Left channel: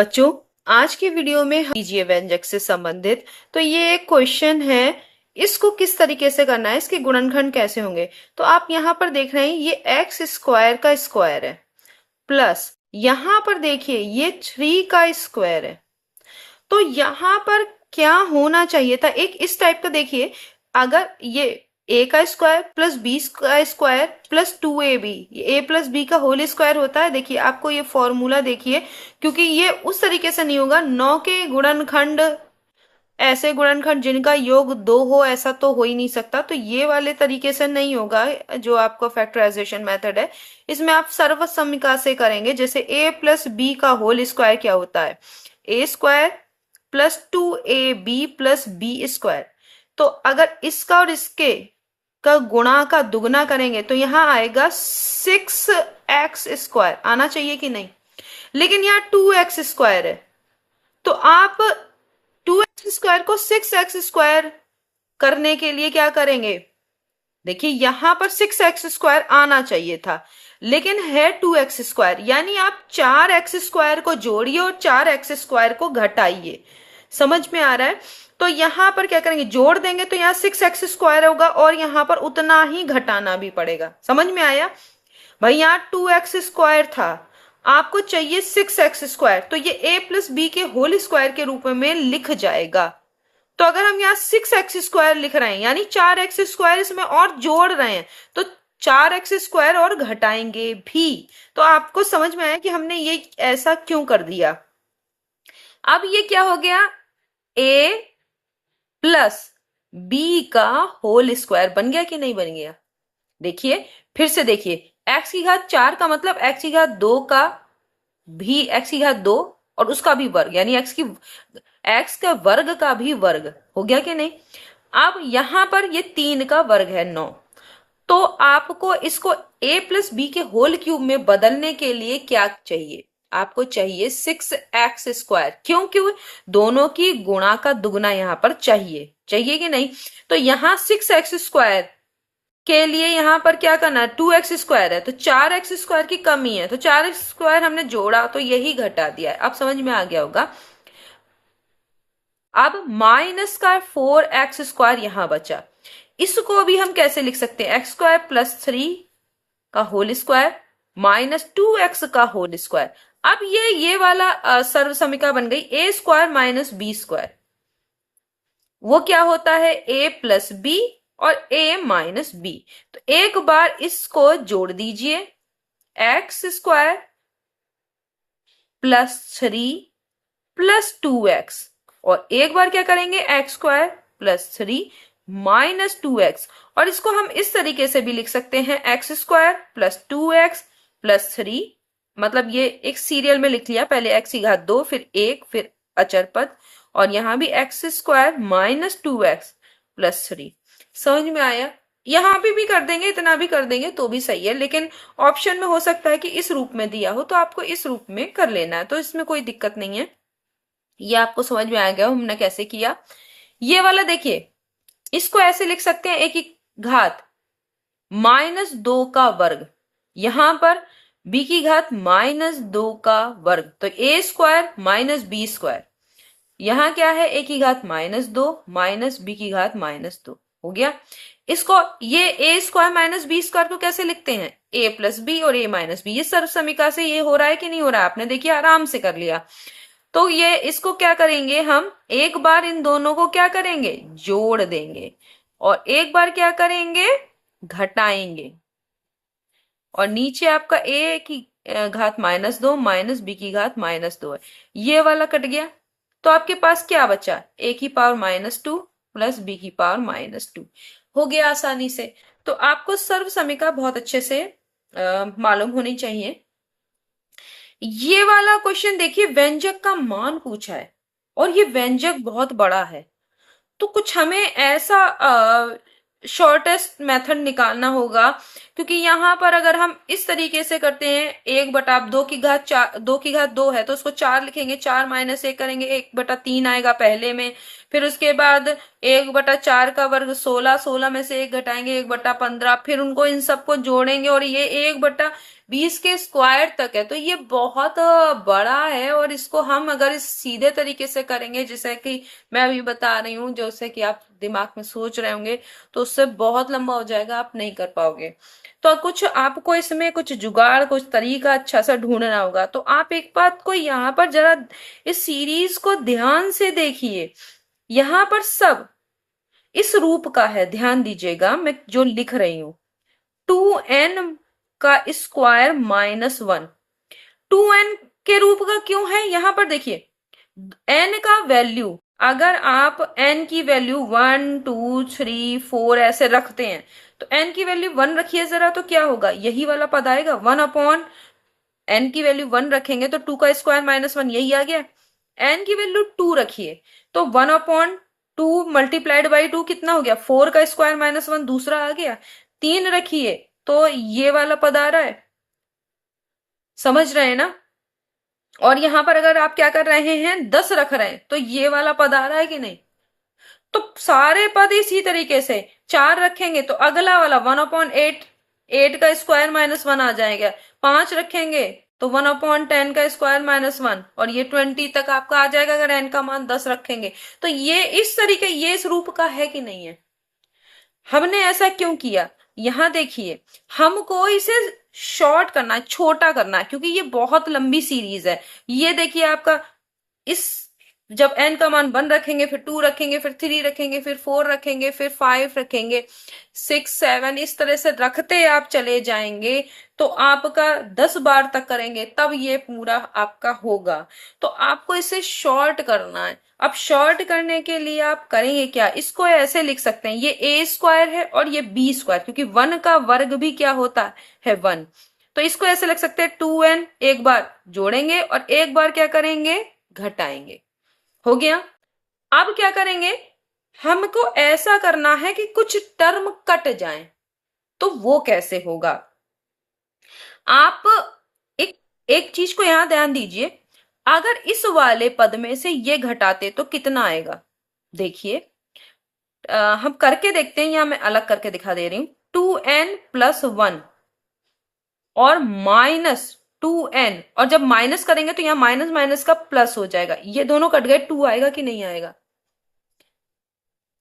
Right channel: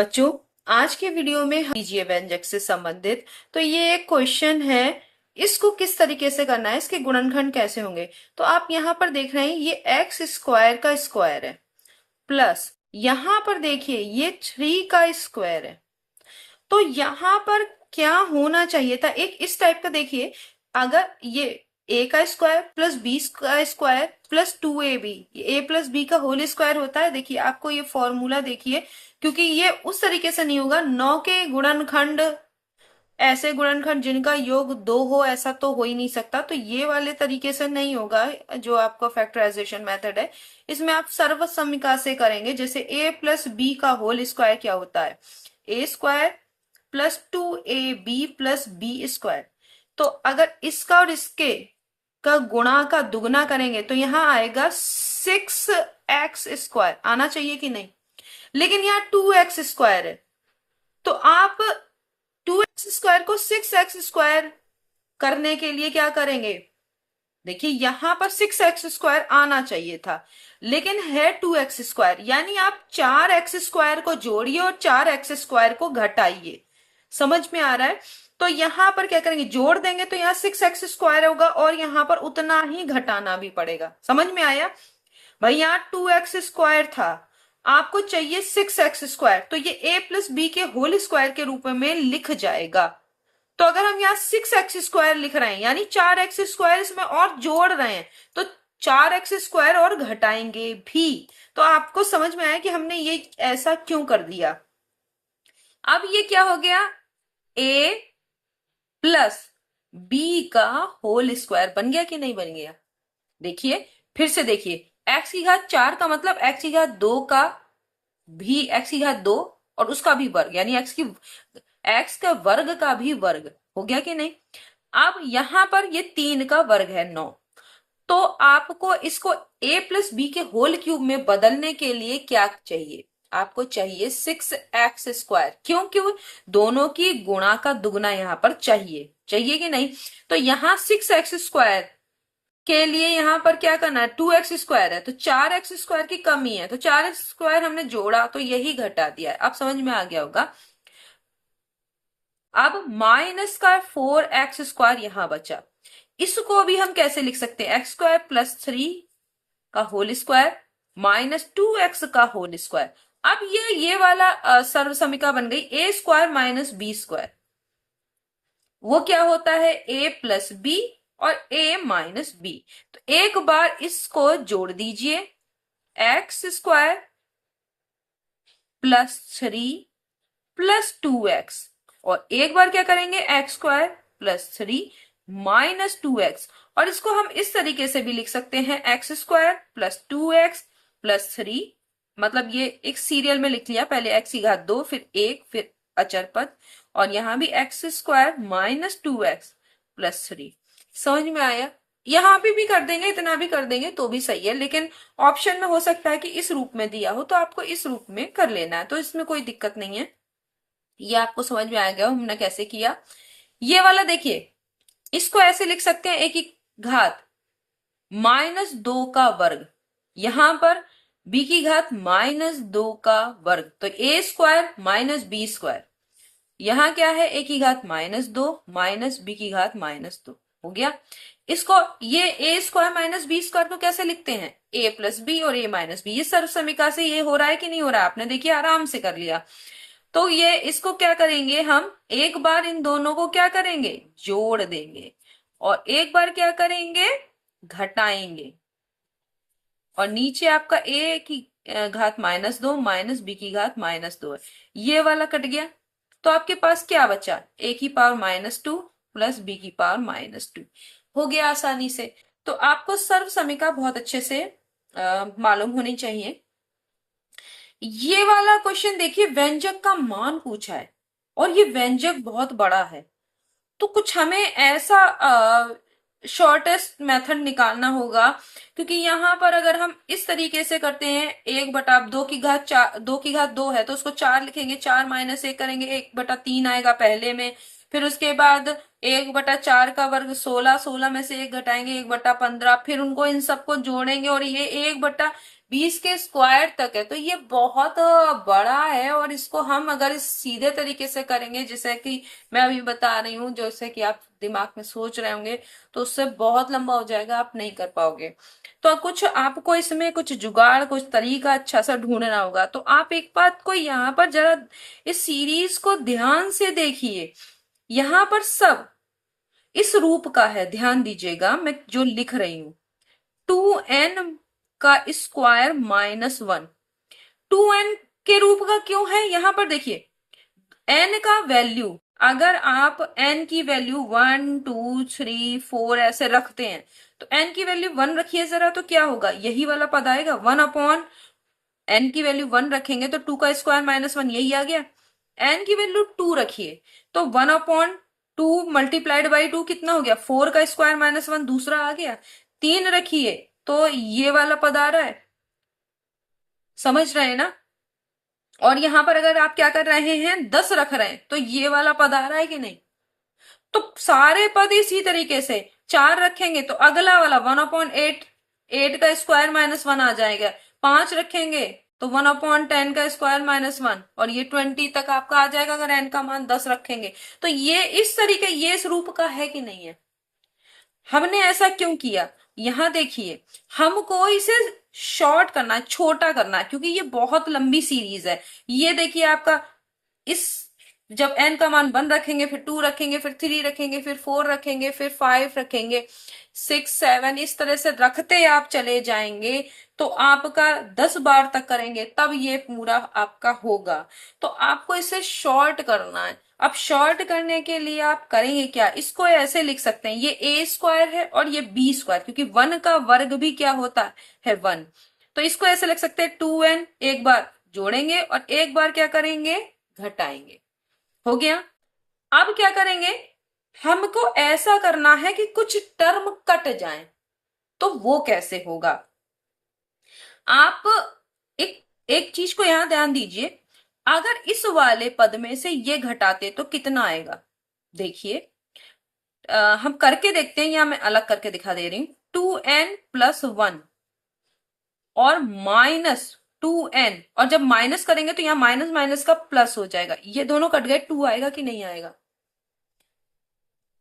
बच्चों, आज के वीडियो में हम लीजिए व्यंजक से संबंधित। तो ये एक क्वेश्चन है, इसको किस तरीके से करना है, इसके गुणनखंड कैसे होंगे। तो आप यहाँ पर देख रहे हैं ये एक्स स्क्वायर का स्क्वायर है, प्लस यहाँ पर देखिए ये 3 का स्क्वायर है। तो यहाँ पर क्या होना चाहिए था, एक इस टाइप का देखिए, अगर ये ए का स्क्वायर प्लस बी का स्क्वायर प्लस 2ab, ए प्लस बी का होल स्क्वायर होता है। देखिए आपको ये फॉर्मूला देखिए, क्योंकि ये उस तरीके से नहीं होगा। 9 के गुणनखंड, ऐसे गुणनखंड जिनका योग 2 हो, ऐसा तो हो ही नहीं सकता। तो ये वाले तरीके से नहीं होगा जो आपका फैक्टराइजेशन मेथड है। इसमें आप सर्वसम्मिका से करेंगे। जैसे ए प्लस बी का होल स्क्वायर क्या होता है, A square plus 2ab plus B square. तो अगर इसका और इसके का गुणा का दुगना करेंगे तो यहां आएगा 6x स्क्वायर, आना चाहिए कि नहीं। लेकिन यहाँ 2x स्क्वायर है, तो आप 2x स्क्वायर को 6x स्क्वायर करने के लिए क्या करेंगे, देखिए यहां पर 6x स्क्वायर आना चाहिए था, लेकिन है 2x स्क्वायर। यानी आप 4x स्क्वायर को जोड़िए और 4x स्क्वायर को घटाइए। समझ में आ रहा है। तो यहां पर क्या करेंगे, जोड़ देंगे तो यहाँ 6x स्क्वायर होगा और यहां पर उतना ही घटाना भी पड़ेगा। समझ में आया भाई। यहाँ 2x स्क्वायर था, आपको चाहिए 6x स्क्वायर, तो ये a प्लस बी के होल स्क्वायर के रूप में लिख जाएगा। तो अगर हम यहाँ 6x स्क्वायर लिख रहे हैं यानी 4x स्क्वायर इसमें और जोड़ रहे हैं, तो 4x स्क्वायर और घटाएंगे भी। तो आपको समझ में आया कि हमने ये ऐसा क्यों कर दिया। अब ये क्या हो गया, a प्लस बी का होल स्क्वायर बन गया कि नहीं बन गया। देखिए फिर से देखिए, x की घात 4 का मतलब x की घात 2 का भी, x की घात 2 और उसका भी वर्ग, यानी x का वर्ग का भी वर्ग हो गया कि नहीं। अब यहां पर ये 3 का वर्ग है 9। तो आपको इसको a प्लस बी के होल क्यूब में बदलने के लिए क्या चाहिए, आपको चाहिए 6x स्क्वायर। क्यों दोनों की गुणा का दुगना यहां पर चाहिए कि नहीं। तो यहां 6x स्क्वायर के लिए यहां पर क्या करना है, 2x स्क्वायर है तो 4x स्क्वायर की कमी है, तो 4x स्क्वायर हमने जोड़ा तो यही घटा दिया है। अब समझ में आ गया होगा। अब माइनस का 4x स्क्वायर यहां बचा, इसको भी हम कैसे लिख सकते हैं, एक्स स्क्वायर प्लस 3 का होल स्क्वायर माइनस 2x का होल स्क्वायर। अब ये वाला सर्वसमीका बन गई ए स्क्वायर माइनस बी स्क्वायर। वो क्या होता है, a प्लस बी और a माइनस बी। तो एक बार इसको जोड़ दीजिए, x square plus 3 plus 2x, और एक बार क्या करेंगे, x square plus 3 minus 2x। और इसको हम इस तरीके से भी लिख सकते हैं, x square plus 2x plus 3, मतलब ये एक सीरियल में लिख लिया, पहले x की घात 2 फिर 1 फिर अचर पद, और यहां भी x square minus 2x plus 3। समझ में आया। यहां भी कर देंगे, इतना भी कर देंगे तो भी सही है, लेकिन ऑप्शन में हो सकता है कि इस रूप में दिया हो तो आपको इस रूप में कर लेना है, तो इसमें कोई दिक्कत नहीं है। ये आपको समझ में आ गया हमने कैसे किया। ये वाला देखिए, इसको ऐसे लिख सकते हैं, एक ही घात माइनस 2 का वर्ग, यहां पर b की घात माइनस 2 का वर्ग, तो a square minus B square. यहां क्या है, a की घात माइनस 2 माइनस b की घात माइनस 2 हो गया। इसको ये a square minus B square को कैसे लिखते हैं, a प्लस बी और a माइनस बी। ये सर्वसमीका से ये हो रहा है कि नहीं हो रहा है, आपने देखिए आराम से कर लिया। तो ये इसको क्या करेंगे, हम एक बार इन दोनों को क्या करेंगे, जोड़ देंगे, और एक बार क्या करेंगे, घटाएंगे। और नीचे आपका a की घात माइनस 2 माइनस बी की घात माइनस 2 है, ये वाला कट गया। तो आपके पास क्या बचा, a की पावर माइनस 2 प्लस बी की पावर माइनस 2 हो गया आसानी से। तो आपको सर्वसमीका बहुत अच्छे से मालूम होनी चाहिए। ये वाला क्वेश्चन देखिए, व्यंजक का मान पूछा है और ये व्यंजक बहुत बड़ा है, तो कुछ हमें ऐसा शॉर्टेस्ट मेथड निकालना होगा। क्योंकि यहाँ पर अगर हम इस तरीके से करते हैं, 1/2 की घात 4, 2 की घात 2 है तो उसको 4 लिखेंगे, 4 माइनस 1 करेंगे, 1/3 आएगा पहले में, फिर उसके बाद 1/4 का वर्ग 16, 16 में से 1 घटाएंगे 1/15, फिर उनको इन सबको जोड़ेंगे और ये 1/20 के स्क्वायर तक है। तो ये बहुत बड़ा है और इसको हम अगर इस सीधे तरीके से करेंगे जैसे कि मैं अभी बता रही हूँ, जैसे कि आप दिमाग में सोच रहे होंगे, तो उससे बहुत लंबा हो जाएगा, आप नहीं कर पाओगे। तो कुछ आपको इसमें कुछ जुगाड़, कुछ तरीका अच्छा सा ढूंढना होगा। तो आप एक बात को यहाँ पर जरा इस सीरीज को ध्यान से देखिए, यहाँ पर सब इस रूप का है, ध्यान दीजिएगा मैं जो लिख रही हूं। 2n का स्क्वायर -1, 2n के रूप का क्यों है? यहां पर देखिए n का वैल्यू, अगर आप n की वैल्यू 1 2 3 4 ऐसे रखते हैं, तो n की वैल्यू 1 रखिए जरा, तो क्या होगा, यही वाला पद आएगा। 1/n की वैल्यू 1 रखेंगे तो 2 का स्क्वायर -1 यही आ गया। n की वैल्यू 2 रखिए तो 1/2 मल्टीप्लाइड बाई 2 कितना हो गया, 4 का स्क्वायर -1 दूसरा आ गया। 3 रखिए तो ये वाला पद आ रहा है, समझ रहे हैं ना। और यहां पर अगर आप क्या कर रहे हैं, 10 रख रहे हैं, तो ये वाला पद आ रहा है कि नहीं। तो सारे पद इसी तरीके से 4 रखेंगे तो अगला वाला 1/8, 8 का स्क्वायर -1 आ जाएगा। 5 रखेंगे तो 1/10 का स्क्वायर -1, और ये 20 तक आपका आ जाएगा अगर n का मान 10 रखेंगे। तो ये इस तरीके, ये इस रूप का है कि नहीं है। हमने ऐसा क्यों किया, यहां देखिए, हमको इसे शॉर्ट करना, छोटा करना, क्योंकि ये बहुत लंबी सीरीज है। ये देखिए आपका इस, जब n का मान 1 रखेंगे, फिर 2 रखेंगे, फिर 3 रखेंगे, फिर 4 रखेंगे, फिर 5 रखेंगे, 6 7 इस तरह से रखते आप चले जाएंगे, तो आपका 10 बार तक करेंगे तब ये पूरा आपका होगा। तो आपको इसे शॉर्ट करना है। अब शॉर्ट करने के लिए आप करेंगे क्या, इसको ऐसे लिख सकते हैं, ये a स्क्वायर है और ये b स्क्वायर, क्योंकि 1 का वर्ग भी क्या होता है 1। तो इसको ऐसे लिख सकते हैं 2n, एक बार जोड़ेंगे और एक बार क्या करेंगे, घटाएंगे। हो गया। अब क्या करेंगे, हमको ऐसा करना है कि कुछ टर्म कट जाएं। तो वो कैसे होगा, आप एक एक चीज को यहां ध्यान दीजिए, अगर इस वाले पद में से ये घटाते तो कितना आएगा। देखिए हम करके देखते हैं, यहां मैं अलग करके दिखा दे रही हूं। 2n+1 और -2n, और जब माइनस करेंगे तो यहां माइनस माइनस का प्लस हो जाएगा, ये दोनों कट गए, 2 आएगा कि नहीं आएगा।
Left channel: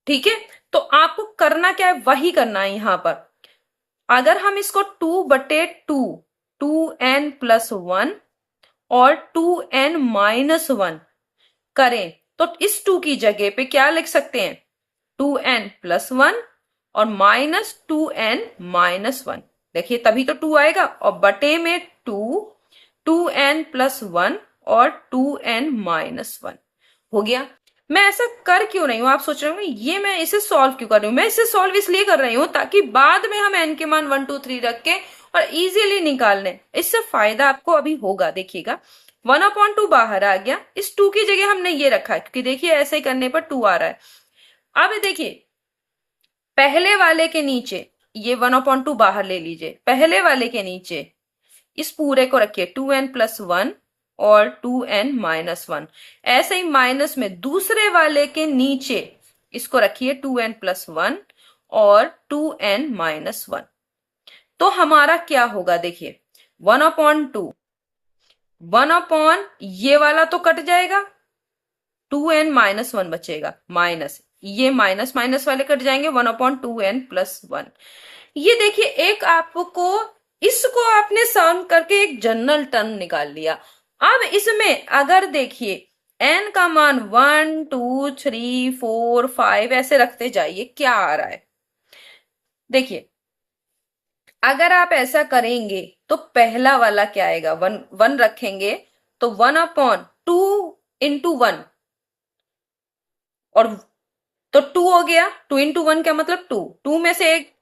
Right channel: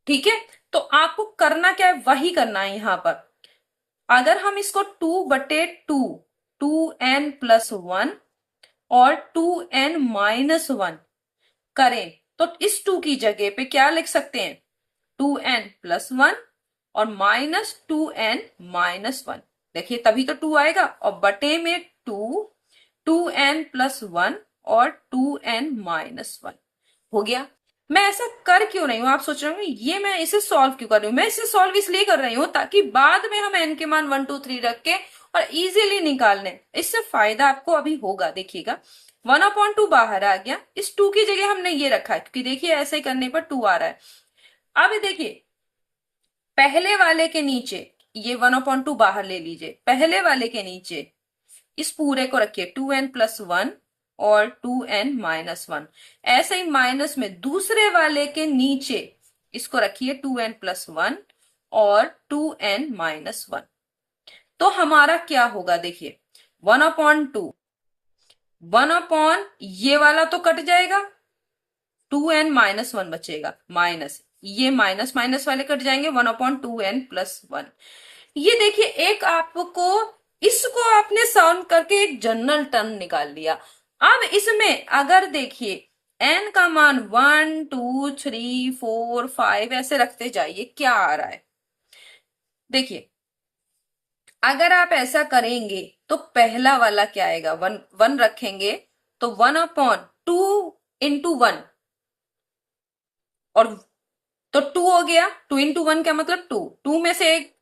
ठीक है, तो आपको करना क्या है, वही करना है यहां पर। अगर हम इसको 2/2, 2n+1 और 2n-1 करें, तो इस 2 की जगह पे क्या लिख सकते हैं, 2n+1 और -2n-1। देखिए तभी तो 2 आएगा, और बटे में 2, 2n+1 और 2n-1 हो गया। मैं ऐसा कर क्यों रही हूं, आप सोच रहे होंगे ये मैं इसे सॉल्व क्यों कर रही हूं। मैं इसे सॉल्व इसलिए कर रही हूं ताकि बाद में हम n के मान 1 2 3 रख के और इजीली निकाल लें। इससे फायदा आपको अभी होगा, देखिएगा 1/2 बाहर आ गया, इस 2 की जगह हमने ये रखा है, क्योंकि देखिए ऐसे ही करने पर 2 आ रहा है। अब देखिए पहले वाले के नीचे ये 1/2 बाहर ले लीजिए, पहले वाले के नीचे इस पूरे को रखिए 2n+1 और 2n-1। ऐसे ही माइनस में दूसरे वाले के नीचे इसको रखिए 2n+1 और 2n-1। तो हमारा क्या होगा, देखिए 1/2, 1 ये वाला तो कट जाएगा, 2n-1 बचेगा, माइनस ये माइनस माइनस वाले कट जाएंगे, 1/2n+1। ये देखिए एक आपको, इसको आपने सॉल्व करके एक जनरल टर्म निकाल लिया। अब इसमें अगर देखिए n का मान 1 2 3 4 5 ऐसे रखते जाइए, क्या आ रहा है। देखिए अगर आप ऐसा करेंगे तो पहला वाला क्या आएगा, 1 रखेंगे तो 1/2 × 1, और तो 2 हो गया, 2 × 1 क्या मतलब 2, 2 में से एक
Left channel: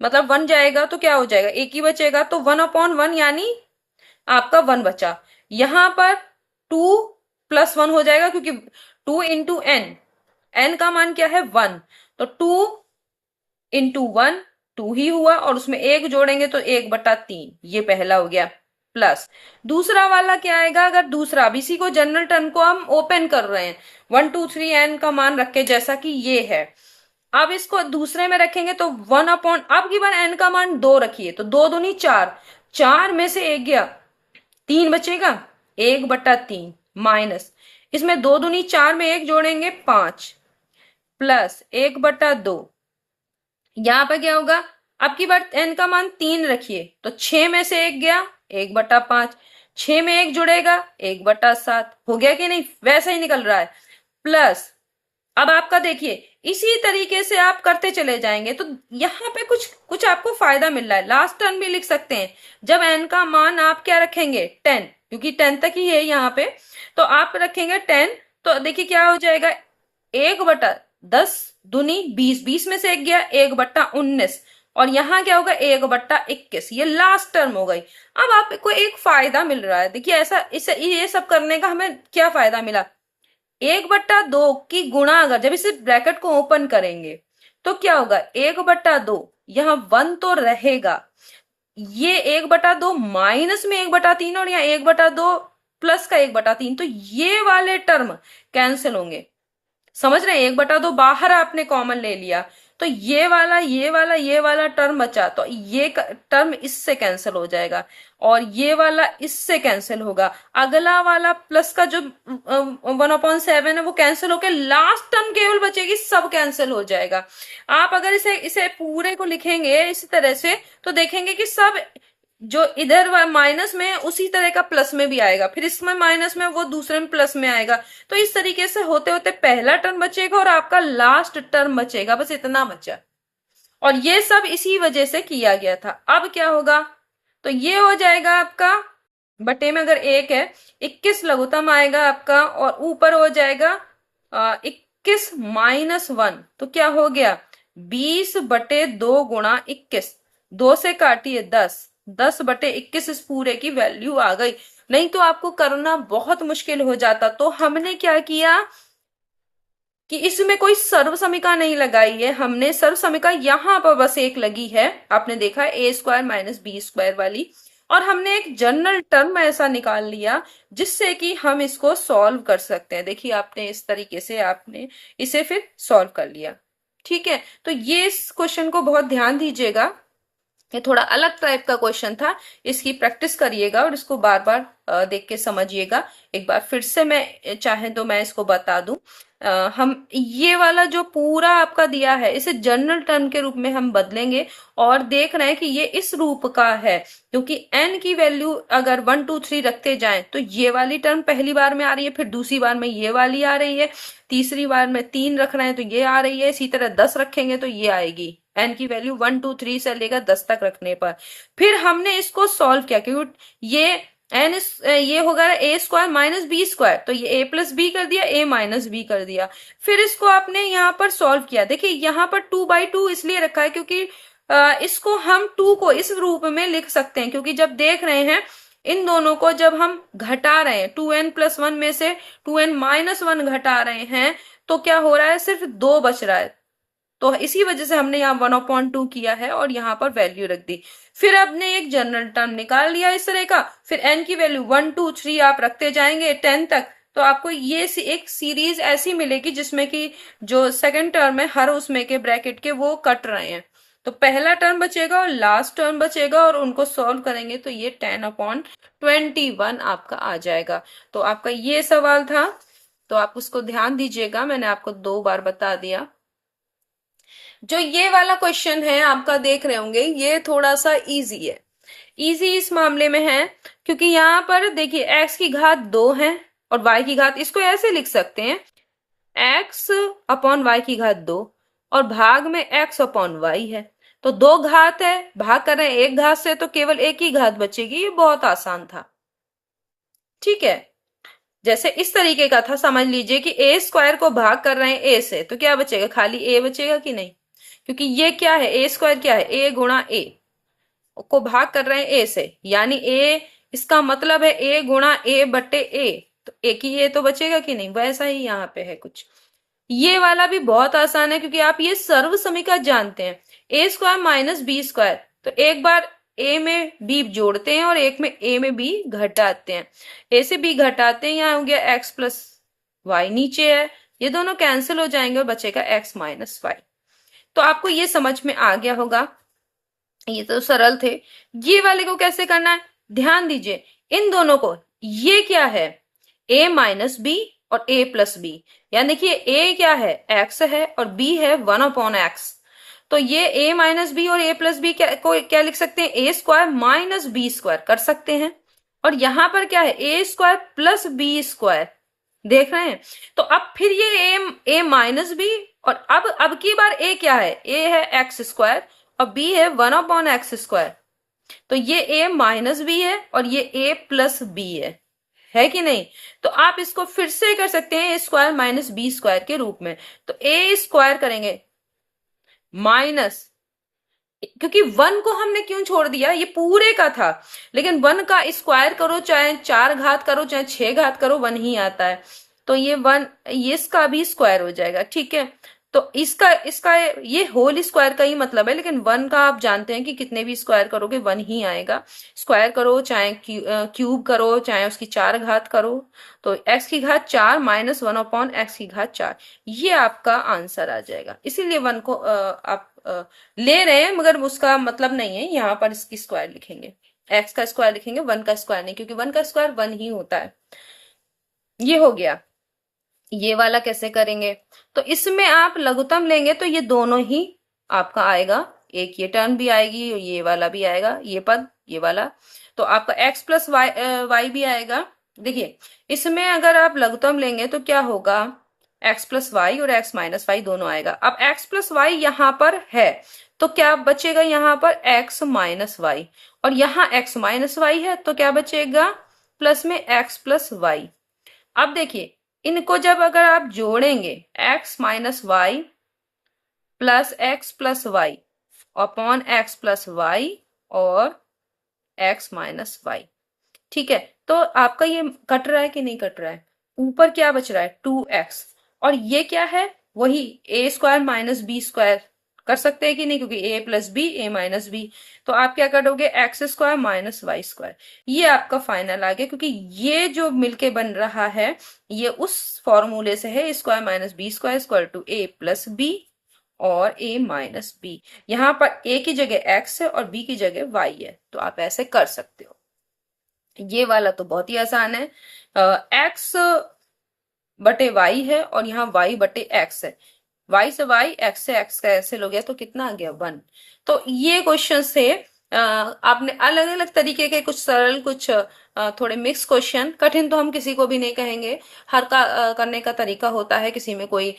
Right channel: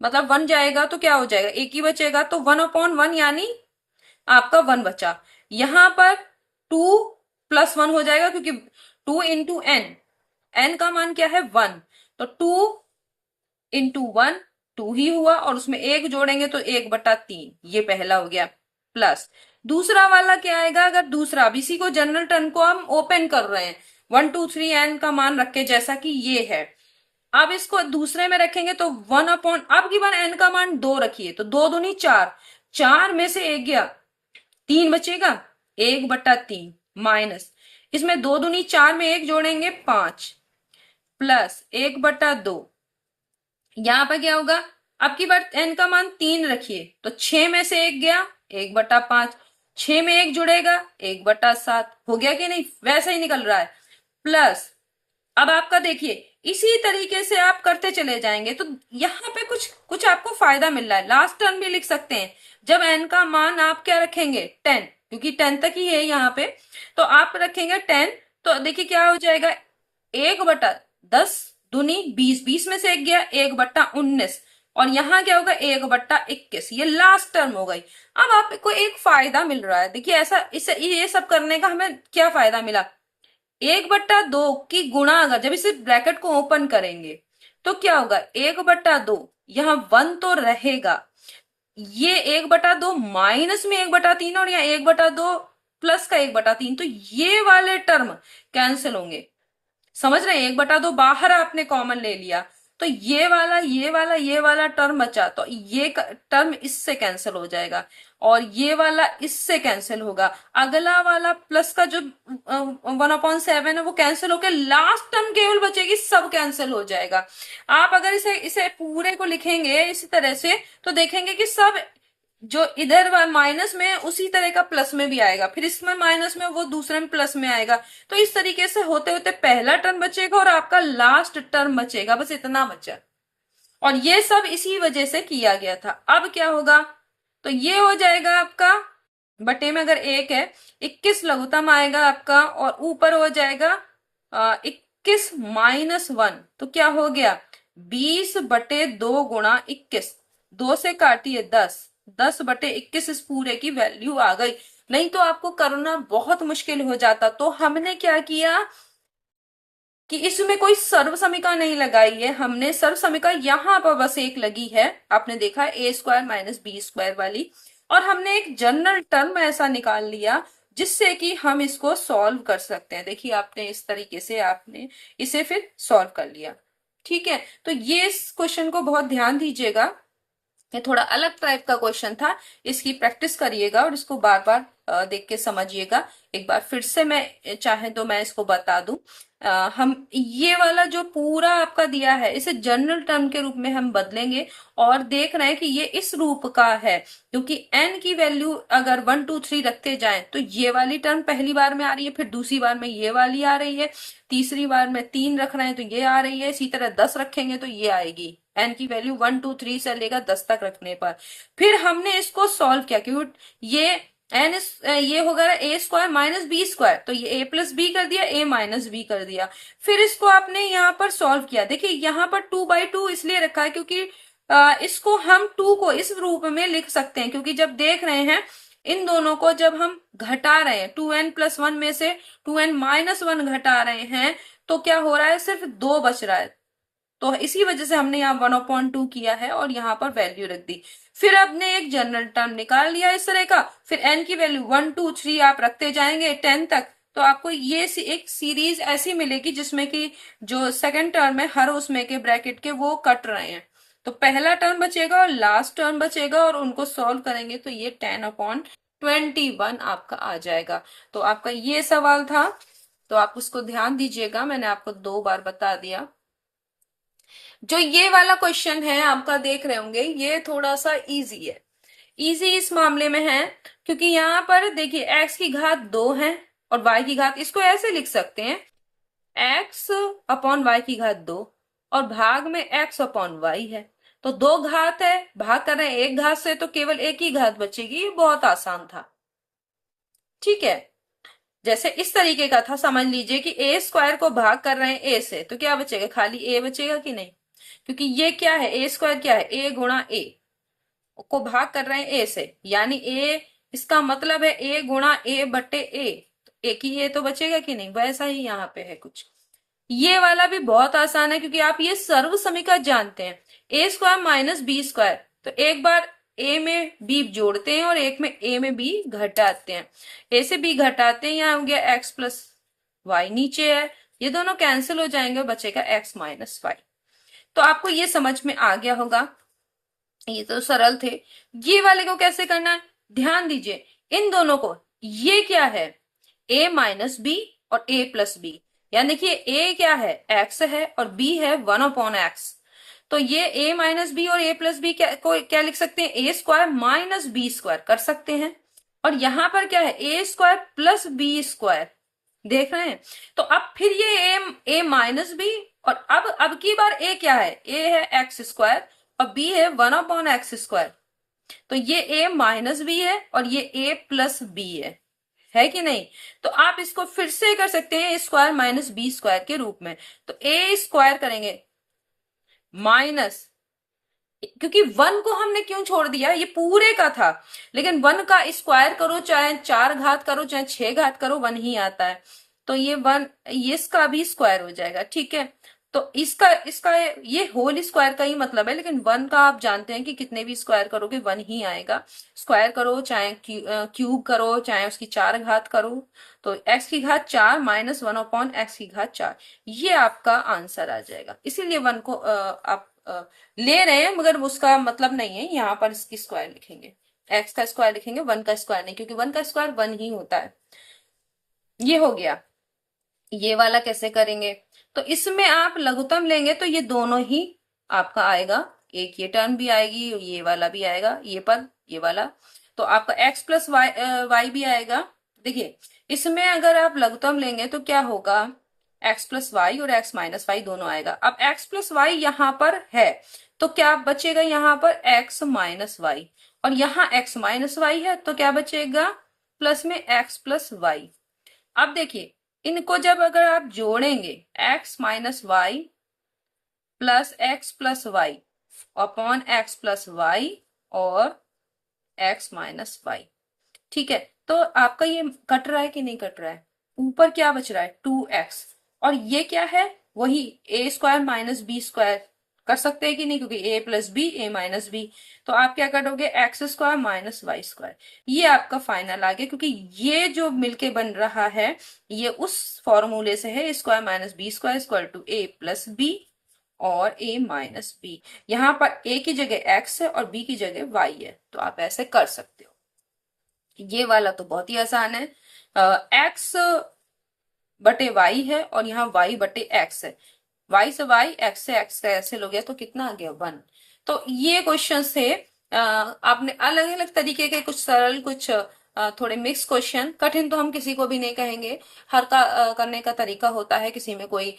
मतलब 1 जाएगा तो क्या हो जाएगा, एक ही बचेगा, तो 1/1 यानी आपका 1 बचा। यहां पर 2+1 हो जाएगा, क्योंकि 2 × n का मान क्या है 1, तो 2 × 1 2 ही हुआ, और उसमें एक जोड़ेंगे तो 1/3, ये पहला हो गया। प्लस दूसरा वाला क्या आएगा, अगर दूसरा, अब इसी को जनरल टर्म को हम ओपन कर रहे हैं, 1 2 3 n का मान रखे जैसा कि ये है। अब इसको दूसरे में रखेंगे तो 1 अपॉन, अब की बार n का मान 2 रखिए तो 2 दूनी 4, 4 में से 1 गया, 3 बचेगा, 1/3 माइनस, इसमें 2 दूनी 4 में 1 जोड़ेंगे 5, प्लस 1/2, यहां पर क्या होगा, अब की बार n का मान 3 रखिए तो 6 में से 1 गया, 1/5, 6 में 1 जुड़ेगा 1/7, हो गया कि नहीं, वैसा ही निकल रहा है। प्लस अब आपका देखिए इसी तरीके से आप करते चले जाएंगे तो यहाँ पे कुछ कुछ आपको फायदा मिल रहा है। लास्ट टर्म भी लिख सकते हैं, जब n का मान आप क्या रखेंगे 10, क्योंकि 10 तक ही है यहाँ पे, तो आप रखेंगे 10, तो देखिए क्या हो जाएगा, 1/10 दूनी 20, 20 में से 1 गया, 1/19, और यहाँ क्या होगा 1/21, ये लास्ट टर्म हो गई। अब आपको एक फायदा मिल रहा है, देखिए ऐसा इसे ये सब करने का हमें क्या फायदा मिला, 1/2 की गुणा, अगर जब इसे ब्रैकेट को ओपन करेंगे तो क्या होगा, 1/2, यहाँ 1 तो रहेगा, ये 1/2 माइनस में 1/3, और यहाँ 1/2 प्लस का 1/3, तो ये वाले टर्म कैंसिल होंगे। समझ रहे हैं, 1/2 बाहर आपने कॉमन ले लिया तो ये वाला टर्म बचा, तो ये टर्म इससे कैंसिल हो जाएगा, और ये वाला इससे कैंसिल होगा। अगला वाला प्लस का जो 1/7 है वो कैंसिल होकर लास्ट टर्म केवल बचेगी, सब कैंसिल हो जाएगा। आप अगर इसे इसे पूरे को लिखेंगे इसी तरह से तो देखेंगे कि सब जो इधर माइनस में उसी तरह का प्लस में भी आएगा, फिर इसमें माइनस में वो दूसरे में प्लस में आएगा, तो इस तरीके से होते होते पहला टर्म बचेगा और आपका लास्ट टर्म बचेगा, बस इतना बचा। और ये सब इसी वजह से किया गया था। अब क्या होगा, तो ये हो जाएगा आपका, बटे में अगर 1 है 21 लघुत्तम आएगा आपका, और ऊपर हो जाएगा 21 माइनस 1, तो क्या हो गया 20/2 गुणा 21, 2 से काटिए 10, 10/21 इस पूरे की वैल्यू आ गई। नहीं तो आपको करना बहुत मुश्किल हो जाता। तो हमने क्या किया कि इसमें कोई सर्व समीका नहीं लगाई है, हमने सर्व समीका यहां पर बस एक लगी है, आपने देखा a² माइनस b² वाली, और हमने एक जनरल टर्म ऐसा निकाल लिया जिससे कि हम इसको सॉल्व कर सकते हैं। देखिए आपने इस तरीके से आपने इसे फिर सॉल्व कर लिया। ठीक है, तो ये इस क्वेश्चन को बहुत ध्यान दीजिएगा, ये थोड़ा अलग टाइप का क्वेश्चन था, इसकी प्रैक्टिस करिएगा और इसको बार बार देख के समझिएगा। एक बार फिर से मैं चाहे तो मैं इसको बता दूं, हम ये वाला जो पूरा आपका दिया है इसे जनरल टर्म के रूप में हम बदलेंगे, और देख रहे हैं कि ये इस रूप का है, क्योंकि n की वैल्यू अगर 1 2 3 रखते जाएं तो ये वाली टर्म पहली बार में आ रही है, फिर दूसरी बार में ये वाली आ रही है, तीसरी बार में 3 रख रहे हैं तो ये आ रही है, इसी तरह 10 रखेंगे तो ये आएगी, n की वैल्यू 1 2 3 से लेकर 10 तक रखने पर। फिर हमने इसको सॉल्व किया, क्योंकि ये ये होगा a² माइनस b², तो ये a प्लस बी कर दिया, a माइनस बी कर दिया। फिर इसको आपने यहाँ पर सॉल्व किया, देखिए यहाँ पर 2/2 इसलिए रखा है क्योंकि इसको हम 2 को इस रूप में लिख सकते हैं, क्योंकि जब देख रहे हैं इन दोनों को जब हम घटा रहे हैं 2n+1 में से 2n-1 घटा रहे हैं तो क्या हो रहा है, सिर्फ 2 बच रहा है, तो इसी वजह से हमने यहाँ 1/2 किया है और यहाँ पर वैल्यू रख दी। फिर आपने एक जनरल टर्म निकाल लिया इस तरह का, फिर n की वैल्यू 1 2 3 आप रखते जाएंगे 10 तक, तो आपको ये एक सीरीज ऐसी मिलेगी जिसमें कि जो सेकंड टर्म है हर उसमें के ब्रैकेट के वो कट रहे हैं, तो पहला टर्म बचेगा और लास्ट टर्म बचेगा, और उनको सॉल्व करेंगे तो ये 10/21 आपका आ जाएगा। तो आपका ये सवाल था, तो आप उसको ध्यान दीजिएगा, मैंने आपको 2 बार बता दिया। जो ये वाला क्वेश्चन है आपका देख रहे होंगे, ये थोड़ा सा इजी है। इजी इस मामले में है क्योंकि यहाँ पर देखिए x की घात 2 है और y की घात, इसको ऐसे लिख सकते हैं x/y की घात 2 और भाग में x/y है, तो 2 घात है, भाग कर रहे हैं 1 घात से तो केवल 1 ही घात बचेगी। ये बहुत आसान था। ठीक है, जैसे इस तरीके का था, समझ लीजिए कि a² को भाग कर रहे हैं a से, तो क्या बचेगा, खाली a बचेगा कि नहीं, क्योंकि ये क्या है, a² क्या है, a गुणा a को भाग कर रहे हैं a से, यानी a, इसका मतलब है a गुणा a/a, तो एक ही a तो बचेगा कि नहीं, वैसा ही यहाँ पे है कुछ। ये वाला भी बहुत आसान है क्योंकि आप ये सर्व समीकरण जानते हैं, a² माइनस b², तो एक बार a में b जोड़ते हैं और एक में a में b घटाते हैं, a से b घटाते हैं, यहाँ हो गया x प्लस y नीचे है, ये दोनों कैंसिल हो जाएंगे और बचेगा x माइनस वाई। तो आपको ये समझ में आ गया होगा, ये तो सरल थे। ये वाले को कैसे करना है, ध्यान दीजिए इन दोनों को, ये क्या है a माइनस बी और a प्लस बी, यानी देखिए a क्या है x है और b है 1/x। तो ये a माइनस बी और a प्लस बी क्या लिख सकते हैं, a square minus B square कर सकते हैं। और यहां पर क्या है a square plus B square, देख रहे हैं। तो अब फिर ये a माइनस बी, और अब की बार a क्या है, a है एक्स स्क्वायर और b है 1/x स्क्वायर। तो ये a माइनस बी है और ये a प्लस बी है कि नहीं। तो आप इसको फिर से कर सकते हैं a square minus B square के रूप में। तो a स्क्वायर करेंगे माइनस, क्योंकि वन को हमने क्यों छोड़ दिया, ये पूरे का था, लेकिन वन का स्क्वायर करो चाहे 4 घात करो चाहे 6 घात करो वन ही आता है। तो ये वन, ये इसका भी स्क्वायर हो जाएगा, ठीक है। तो इसका इसका ये होल स्क्वायर का ही मतलब है, लेकिन वन का आप जानते हैं कि कितने भी स्क्वायर करोगे वन ही आएगा। स्क्वायर करो चाहे क्यूब करो चाहे उसकी 4 घात करो, तो x की घात 4 माइनस 1/x की घात 4, ये आपका आंसर आ जाएगा। इसीलिए वन को आप ले रहे हैं, मगर उसका मतलब नहीं है यहाँ पर इसकी स्क्वायर लिखेंगे, x का स्क्वायर लिखेंगे, वन का स्क्वायर नहीं, क्योंकि वन का स्क्वायर वन ही होता है। ये हो गया। ये वाला कैसे करेंगे, तो इसमें आप लघुत्तम लेंगे तो ये दोनों ही आपका आएगा, एक ये टर्म भी आएगी और ये वाला भी आएगा, ये पद ये वाला। तो आपका x प्लस वाई भी आएगा। देखिए इसमें अगर आप लघुत्तम लेंगे तो क्या होगा, x प्लस वाई और x माइनस वाई दोनों आएगा। अब x प्लस वाई यहाँ पर है तो क्या बचेगा, यहाँ पर x माइनस वाई, और यहाँ x माइनस वाई है तो क्या बचेगा, प्लस में x प्लस वाई। अब देखिए इनको जब अगर आप जोड़ेंगे x minus Y plus X plus Y upon X plus Y और x माइनस वाई, ठीक है। तो आपका ये कट रहा है कि नहीं कट रहा है, ऊपर क्या बच रहा है 2x, और ये क्या है वही a square minus B square कर सकते हैं कि नहीं, क्योंकि a plus B a minus B. तो आप क्या करोगे X square minus Y square, ये आपका फाइनल आ गया, क्योंकि ये जो मिलके बन रहा है ये उस फॉर्मूले से है, square minus B square equal to a plus B और a माइनस बी। यहाँ पर a की जगह x है और b की जगह y है, तो आप ऐसे कर सकते हो। ये वाला तो बहुत ही आसान है, x बटे y है और यहाँ y बटे x है, y से y x से x कैंसिल हो गया तो कितना आ गया 1। तो ये क्वेश्चन से आपने अलग अलग तरीके के कुछ सरल कुछ थोड़े मिक्स क्वेश्चन, कठिन तो हम किसी को भी नहीं कहेंगे, हर का करने का तरीका होता है, किसी में कोई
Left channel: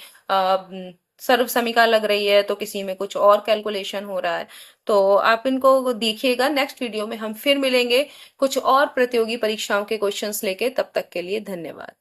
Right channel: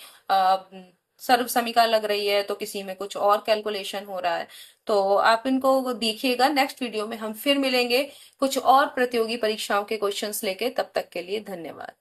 सर्व समीकरण लग रही है तो किसी में कुछ और कैलकुलेशन हो रहा है। तो आप इनको देखिएगा, नेक्स्ट वीडियो में हम फिर मिलेंगे कुछ और प्रतियोगी परीक्षाओं के क्वेश्चंस लेके। तब तक के लिए धन्यवाद।